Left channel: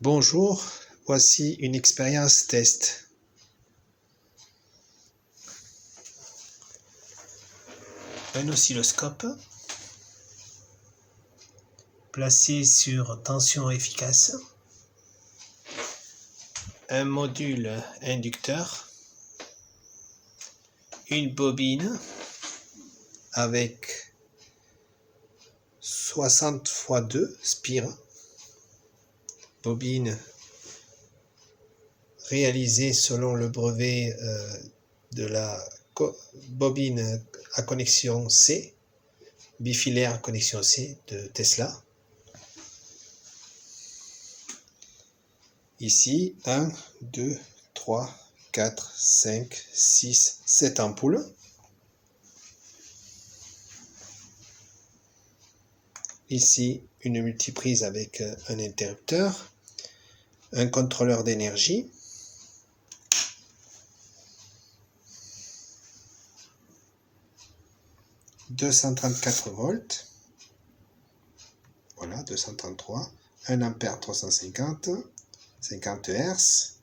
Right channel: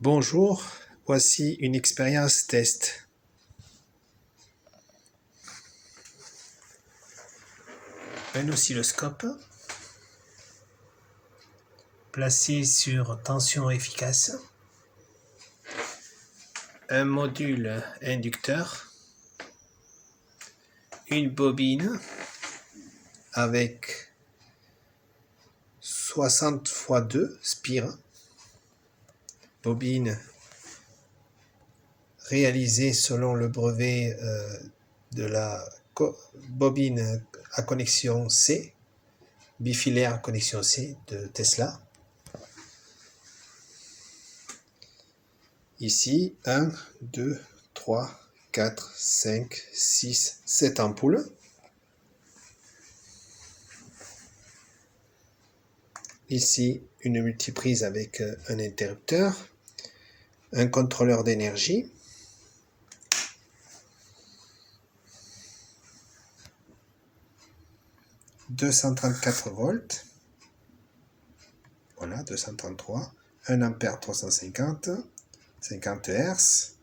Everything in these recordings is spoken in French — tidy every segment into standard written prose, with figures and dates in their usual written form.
Bonjour, voici une expérience test. Un oscilloscope placé sur tension efficace, un module inducteur, une bobine avec 60 x 2 spires, bobine réalisée selon le brevet de la bobine à connexion C, bifilaire à connexion C de Tesla. Ici, 1, 2, 3, 4, 5, 6, 7 ampoules. Ici, une multiprise avec un interrupteur, un contrôleur d'énergie, « 234 volts, voilà, 233, 1 ampère 350, 50 Hz,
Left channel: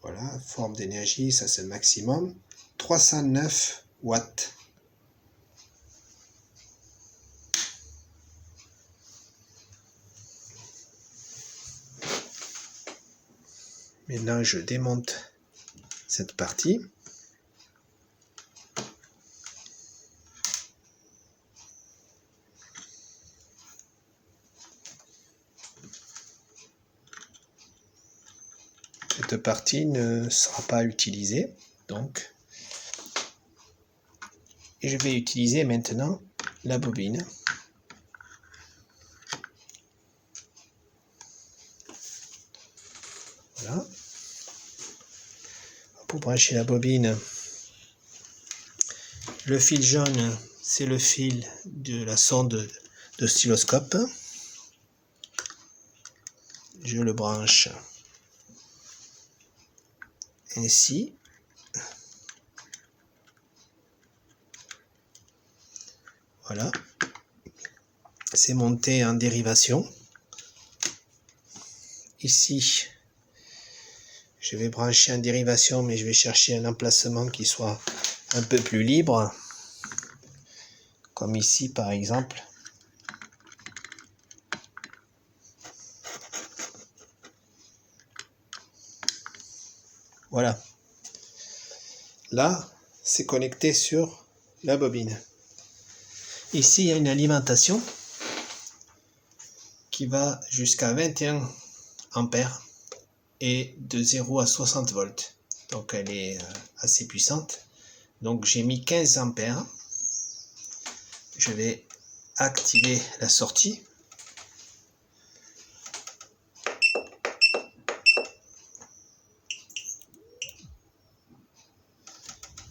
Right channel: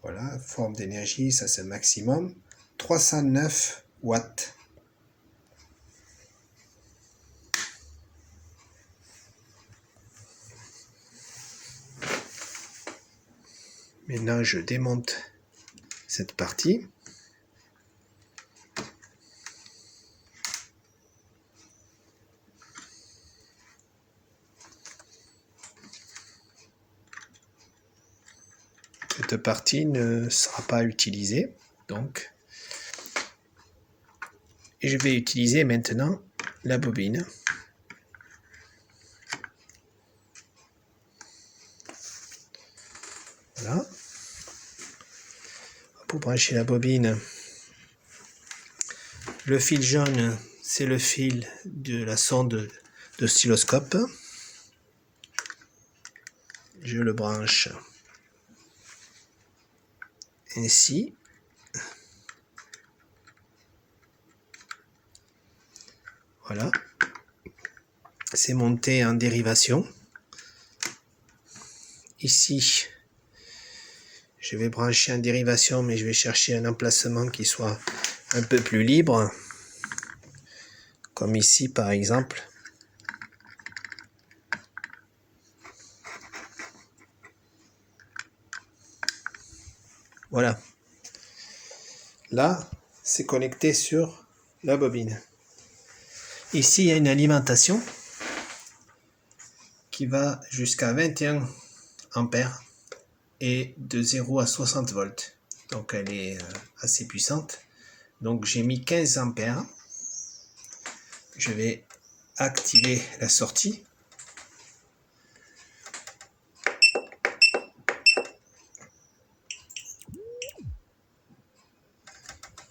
voilà, forme d'énergie, ça c'est le maximum, 309 watts. Maintenant, je démonte cette partie. Cette partie ne sera pas utilisée, donc je vais utiliser maintenant la bobine. Voilà. Pour brancher la bobine, le fil jaune, c'est le fil de la sonde d'oscilloscope. Je le branche ainsi. Voilà. C'est monté en dérivation. Ici, je vais brancher en dérivation, mais je vais chercher un emplacement qui soit un peu plus libre. Comme ici, par exemple. Voilà. Là, c'est connecté sur la bobine. Ici, il y a une alimentation qui va jusqu'à 21 ampères et de 0 à 60 volts. Donc, elle est assez puissante. Donc, j'ai mis 15 ampères. Je vais activer la sortie.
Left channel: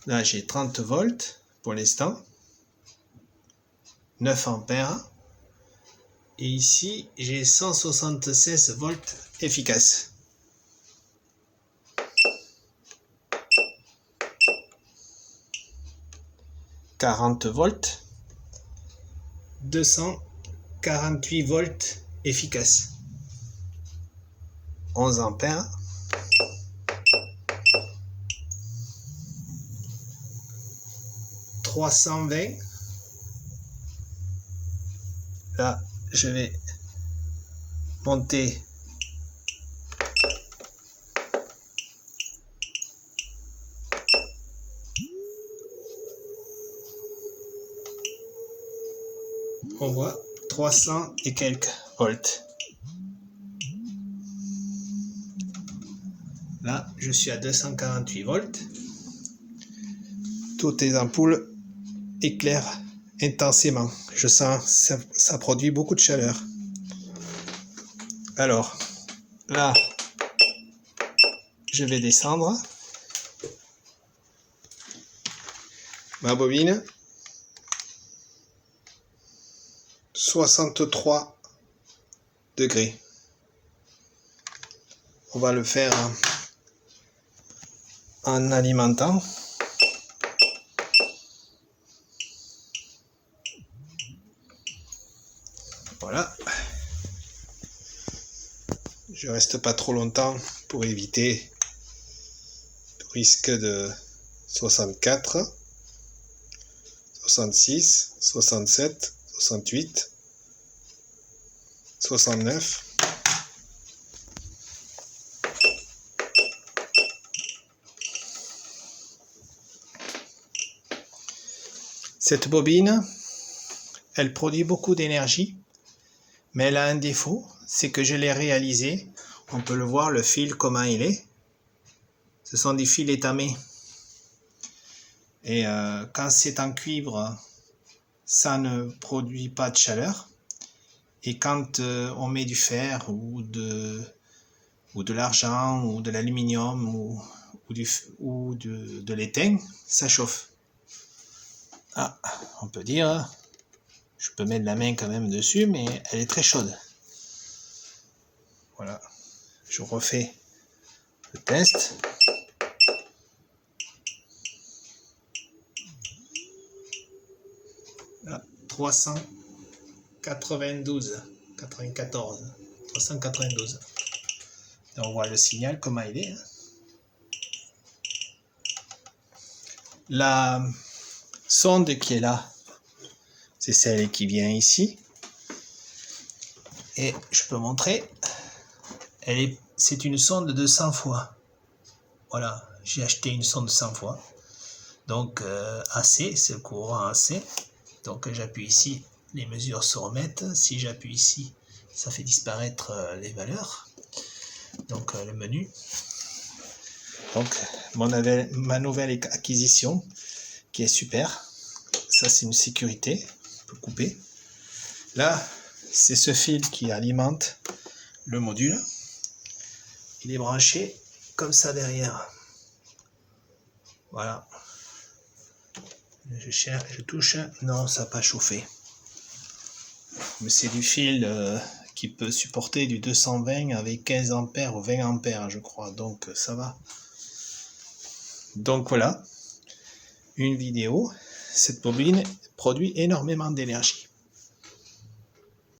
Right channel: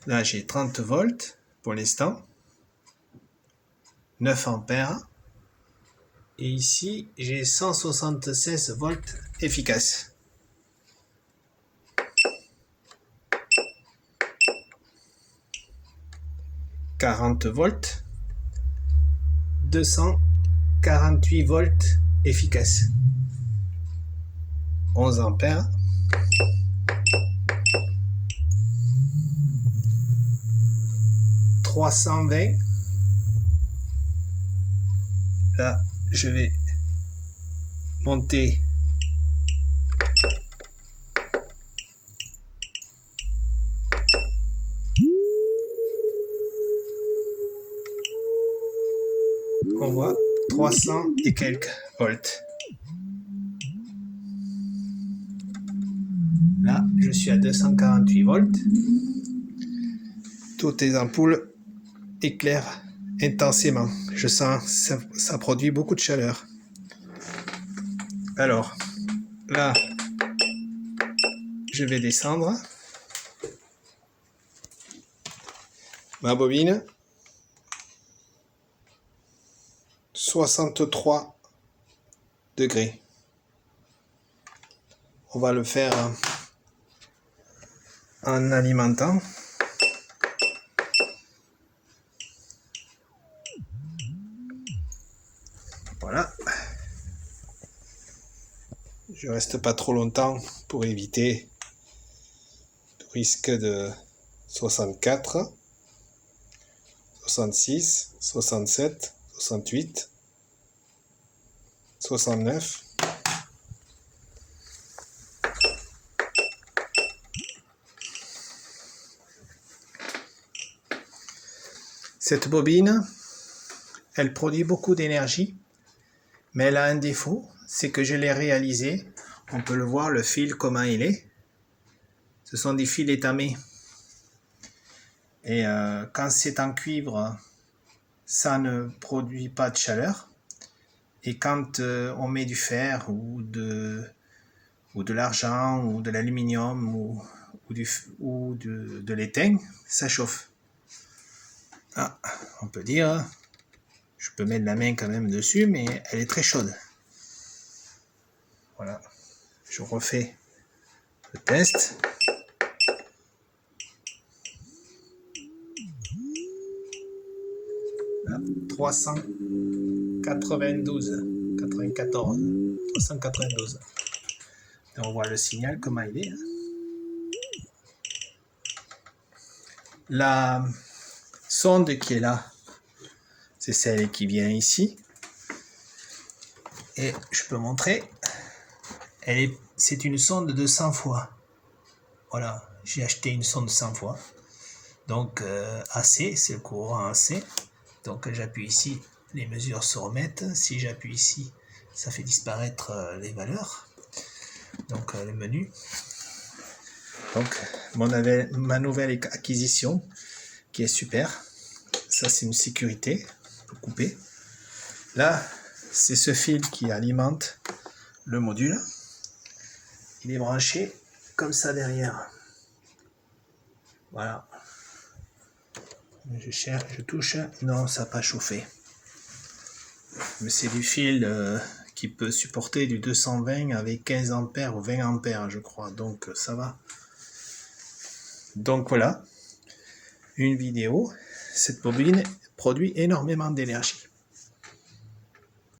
Là, j'ai 30 volts pour l'instant. 9 ampères. Et ici, j'ai 176 volts efficaces. « 40 volts. 248 volts efficaces. 11 ampères. 320. Là, je vais monter on voit 300 et quelques volts. Là, je suis à 248 volts. Toutes les ampoules éclairent intensément. Je sens ça produit beaucoup de chaleur. Alors, là, je vais descendre ma bobine. 63 degrés. On va le faire en alimentant. Voilà. Je reste pas trop longtemps pour éviter le risque de 64, 66, 67, 68, 69. Cette bobine, elle produit beaucoup d'énergie, mais elle a un défaut, c'est que je l'ai réalisé. On peut le voir, le fil, comment il est. Ce sont des fils étamés. Et quand c'est en cuivre, ça ne produit pas de chaleur. Et quand on met du fer ou de l'argent ou de l'aluminium ou de l'étain, ça chauffe. Ah, on peut dire, je peux mettre la main quand même dessus, mais elle est très chaude. Voilà, je refais le test. Là, 392, 94, 392. Et on voit le signal, comment il est. La sonde qui est là, c'est celle qui vient ici. Et je peux montrer, c'est une sonde de 100 fois. Voilà, j'ai acheté une sonde 100 fois. Donc AC, c'est le courant AC. Donc j'appuie ici, les mesures se remettent. Si j'appuie ici, ça fait disparaître les valeurs. Donc le menu. Donc ma nouvelle acquisition qui est super. Ça c'est une sécurité, on peut couper. Là, c'est ce fil qui alimente le module. Il est branché comme ça derrière. Voilà. Je cherche, je touche. Non, ça n'a pas chauffé. Mais c'est du fil qui peut supporter du 220 avec 15 ampères ou 20 ampères, je crois. Donc ça va. Donc voilà. Une vidéo. Cette bobine produit énormément d'énergie.